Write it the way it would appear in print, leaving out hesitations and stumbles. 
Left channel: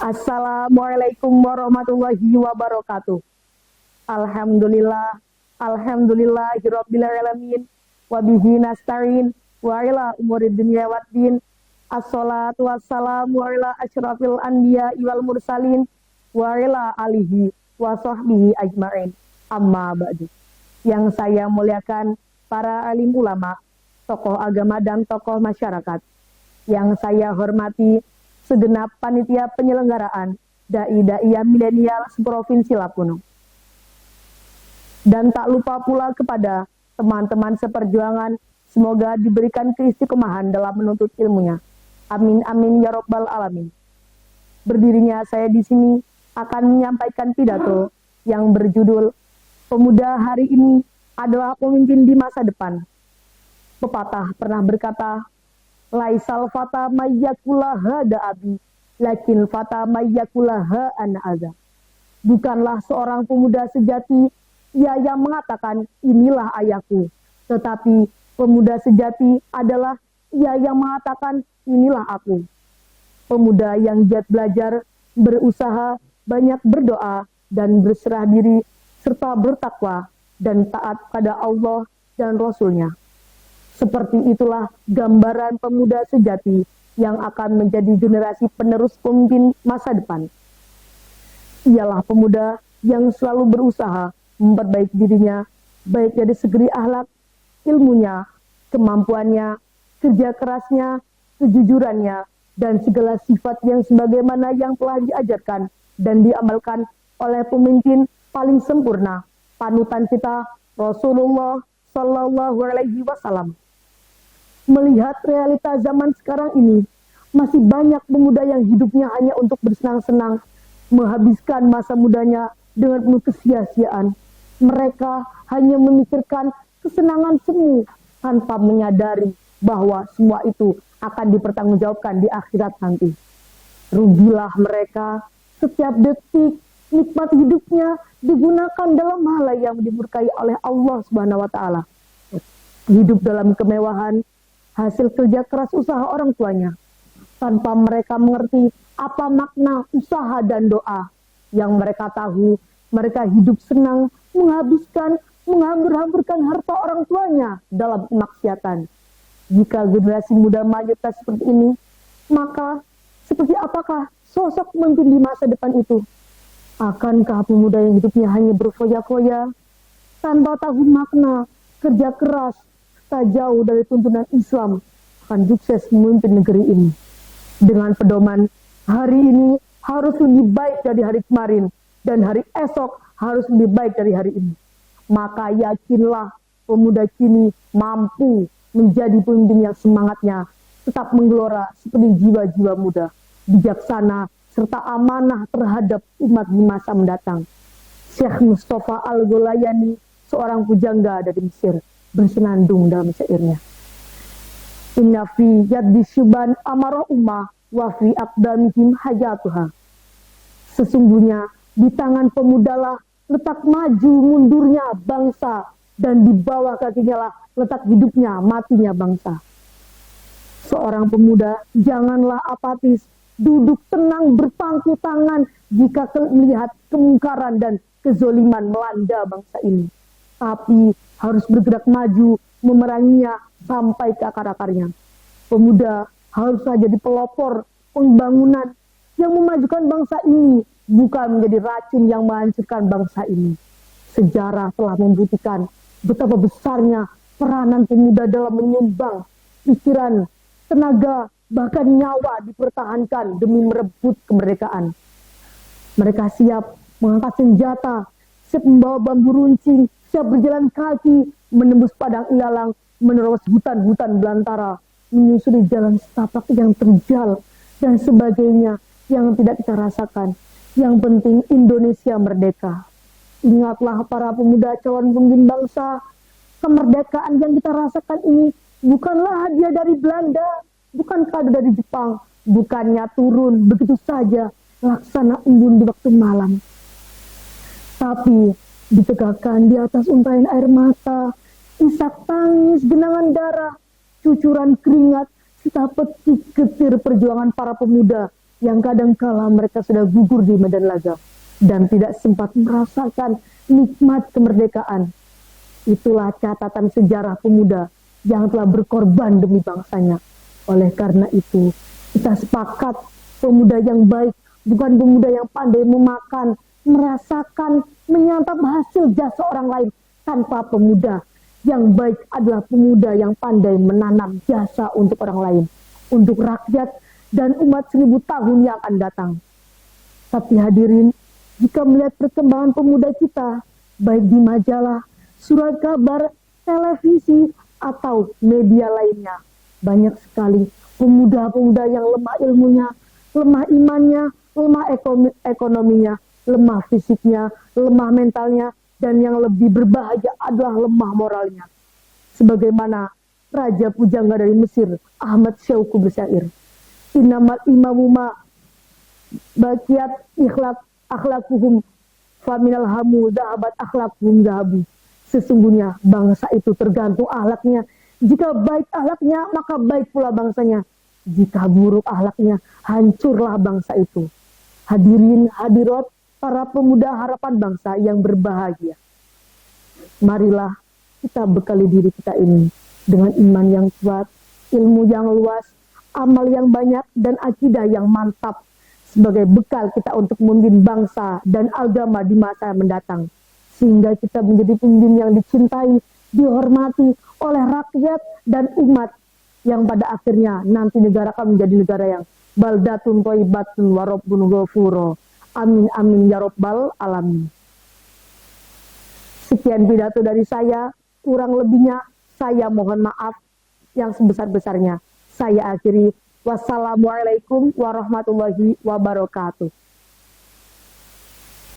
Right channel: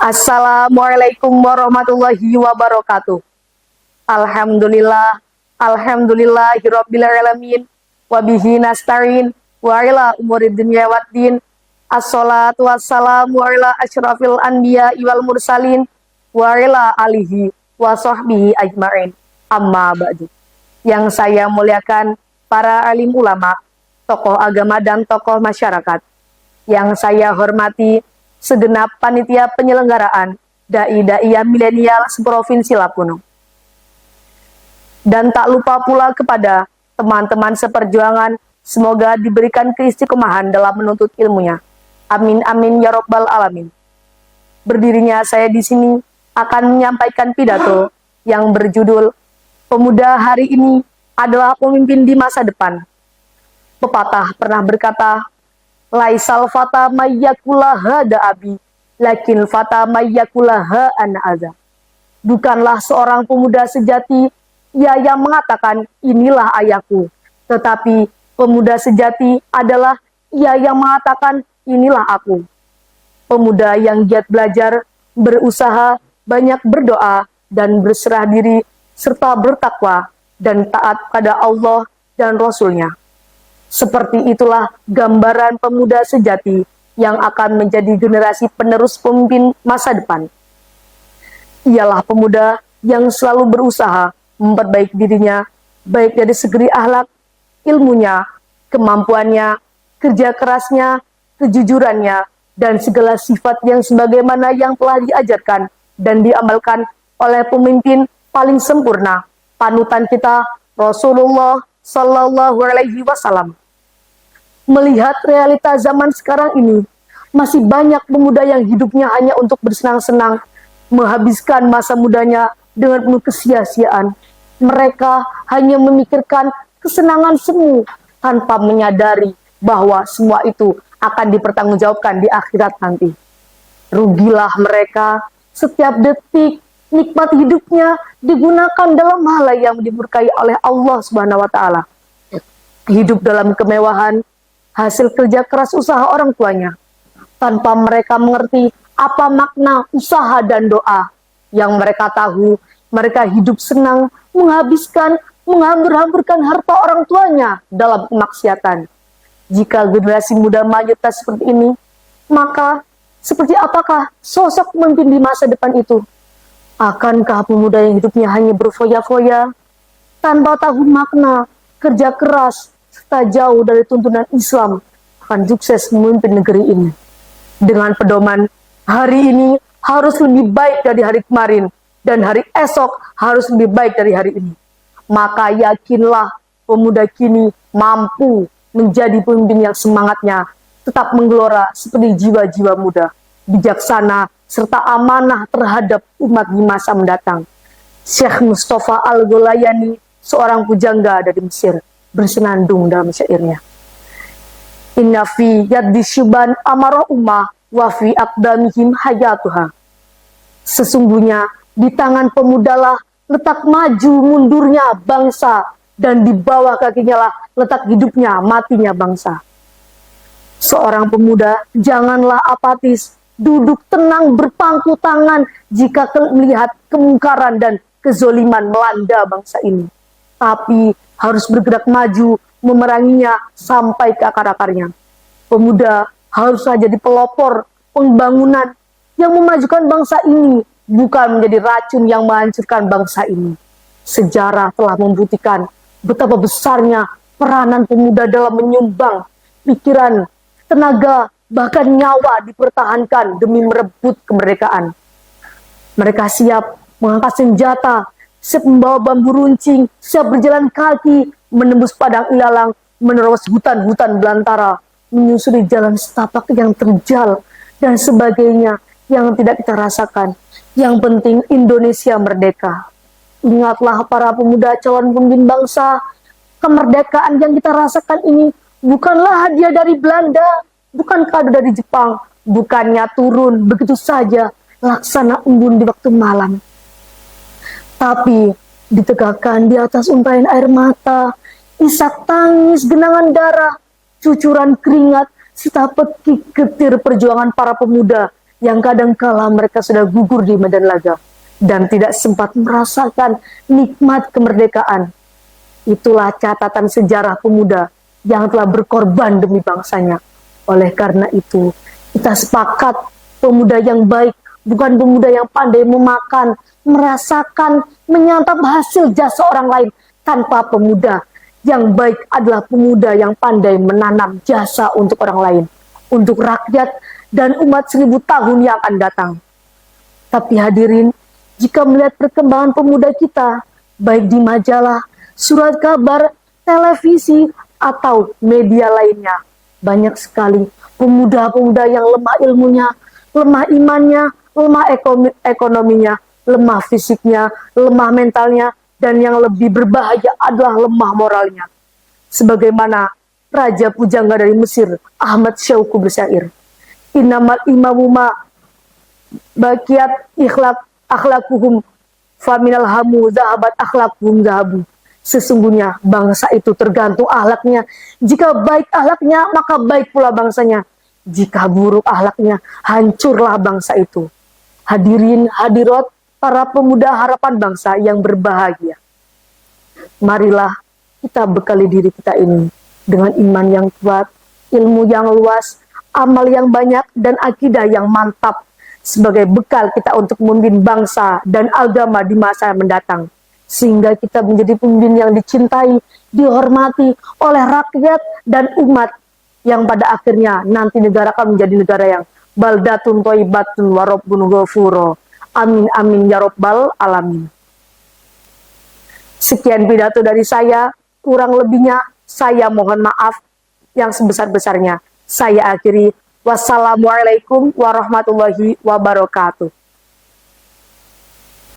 Assalamualaikum warahmatullahi wabarakatuh. Alhamdulillah, alhamdulillahirabbil alamin, wa bihi nasta'in, wa ila umuri dunya waddin. Assalatu wassalamu ala asyrafil anbiya wal mursalin, wa ila alihi wa sahbihi ajma'in. Amma ba'du. Yang saya muliakan para alim ulama, tokoh agama dan tokoh masyarakat. Yang saya hormati segenap panitia penyelenggaraan dai-dai milenial seprovinsi Lampung. Dan tak lupa pula kepada teman-teman seperjuangan, semoga diberikan keistiqomahan dalam menuntut ilmunya. Amin amin ya robbal alamin. Berdirinya saya di sini akan menyampaikan pidato yang berjudul Pemuda Hari Ini Adalah Pemimpin di Masa Depan. Pepatah pernah berkata, Laisal fata mayyakulaha da abi, lakin fata mayyakulaha ana ada. Bukanlah seorang pemuda sejati ia yang mengatakan inilah ayahku, tetapi pemuda sejati adalah ia yang mengatakan inilah aku. Pemuda yang giat belajar, berusaha, banyak berdoa, dan berserah diri, serta bertakwa, dan taat pada Allah dan Rasul-Nya. Seperti itulah gambaran pemuda sejati yang akan menjadi generasi penerus pemimpin masa depan. Ialah pemuda yang selalu berusaha memperbaiki dirinya, baik dari segi akhlak, ilmunya, kemampuannya, kerja kerasnya, kejujurannya, dan segala sifat yang sebagaimana yang telah diajarkan dan diamalkan oleh pemimpin paling sempurna, panutan kita, Rasulullah Sallallahu Alaihi Wasallam. Melihat realita zaman sekarang ini, masih banyak pemuda yang hidupnya hanya untuk bersenang-senang, menghabiskan masa mudanya dengan penuh kesia-siaan. Mereka hanya memikirkan kesenangan semu tanpa menyadari bahwa semua itu akan dipertanggungjawabkan di akhirat nanti. Rugilah mereka, setiap detik nikmat hidupnya digunakan dalam hal yang dimurkai oleh Allah Subhanahu wa taala. Hidup dalam kemewahan, hasil kerja keras usaha orang tuanya, tanpa mereka mengerti apa makna usaha dan doa. Yang mereka tahu, mereka hidup senang, menghabiskan, menghambur-hamburkan harta orang tuanya dalam kemaksiatan. Jika generasi muda mayoritas seperti ini, maka seperti apakah sosok pemimpin di masa depan itu? Akankah pemuda yang hidupnya hanya berfoya-foya, tanpa tahu makna, kerja keras, serta jauh dari tuntunan Islam, akan sukses memimpin negeri ini? Dengan pedoman, hari ini harus lebih baik dari hari kemarin, dan hari esok harus lebih baik dari hari ini. Maka yakinlah pemuda kini mampu menjadi pemimpin yang semangatnya tetap menggelora seperti jiwa-jiwa muda, bijaksana, serta amanah terhadap umat di masa mendatang. Syekh Mustafa Al-Ghulayani, seorang pujangga dari Mesir, bersenandung dalam syairnya. Inna fi yaddi syuban amara ummah wa fi aqdamihim hayatuha. Sesungguhnya di tangan pemudalah letak maju mundurnya bangsa, dan di bawah kakinya lah letak hidupnya matinya bangsa. Seorang pemuda janganlah apatis, duduk tenang berpangku tangan jika melihat kemungkaran dan kezoliman melanda bangsa ini. Tapi harus bergerak maju memeranginya sampai ke akar-akarnya. Pemuda harus jadi pelopor pembangunan yang memajukan bangsa ini, bukan menjadi racun yang menghancurkan bangsa ini. Sejarah telah membuktikan betapa besarnya peranan pemuda dalam menyumbang pikiran, tenaga, bahkan nyawa dipertahankan demi merebut kemerdekaan. Mereka siap mengangkat senjata, siap membawa bambu runcing, siap berjalan kaki, menembus padang ilalang, menerobos hutan-hutan belantara, menyusuri jalan setapak yang terjal, dan sebagainya yang tidak kita rasakan. Yang penting Indonesia merdeka. Ingatlah para pemuda calon pemimpin bangsa, kemerdekaan yang kita rasakan ini bukanlah hadiah dari Belanda, bukan kado dari Jepang, bukannya turun begitu saja laksana embun di waktu malam. Tapi ditegakkan di atas untayan air mata, isak tangis, genangan darah, cucuran keringat, serta petik getir perjuangan para pemuda yang kadangkala mereka sudah gugur di medan laga dan tidak sempat merasakan nikmat kemerdekaan. Itulah catatan sejarah pemuda yang telah berkorban demi bangsanya. Oleh karena itu, kita sepakat pemuda yang baik bukan pemuda yang pandai memakan, merasakan, menyantap hasil jasa orang lain. Tanpa pemuda yang baik adalah pemuda yang pandai menanam jasa untuk orang lain, untuk rakyat dan umat 1000 tahun yang akan datang. Tapi hadirin, jika melihat perkembangan pemuda kita, baik di majalah, surat kabar, televisi, atau media lainnya, banyak sekali pemuda-pemuda yang lemah ilmunya, lemah imannya, lemah ekonominya, lemah fisiknya, lemah mentalnya, dan yang lebih berbahaya adalah lemah moralnya. Sebagaimana Raja Pujangga dari Mesir, Ahmad Syauqi bersyair, Innamal imamuma bakiat akhlakuhum faminal hamu zahabat akhlakuhum zahabu. Sesungguhnya bangsa itu tergantung akhlaknya. Jika baik akhlaknya, maka baik pula bangsanya. Jika buruk akhlaknya, hancurlah bangsa itu. Hadirin hadirat, para pemuda harapan bangsa yang berbahagia. Marilah kita bekali diri kita ini dengan iman yang kuat, ilmu yang luas, amal yang banyak, dan akidah yang mantap sebagai bekal kita untuk memimpin bangsa dan agama di masa yang mendatang. Sehingga kita menjadi pemimpin yang dicintai, dihormati oleh rakyat dan umat, yang pada akhirnya nanti negara akan menjadi negara yang baldatun thayyibatun wa rabbun ghafuro. Amin amin ya rabbal alamin. Sekian pidato dari saya, kurang lebihnya saya mohon maaf yang sebesar-besarnya. Saya akhiri, wassalamualaikum warahmatullahi wabarakatuh.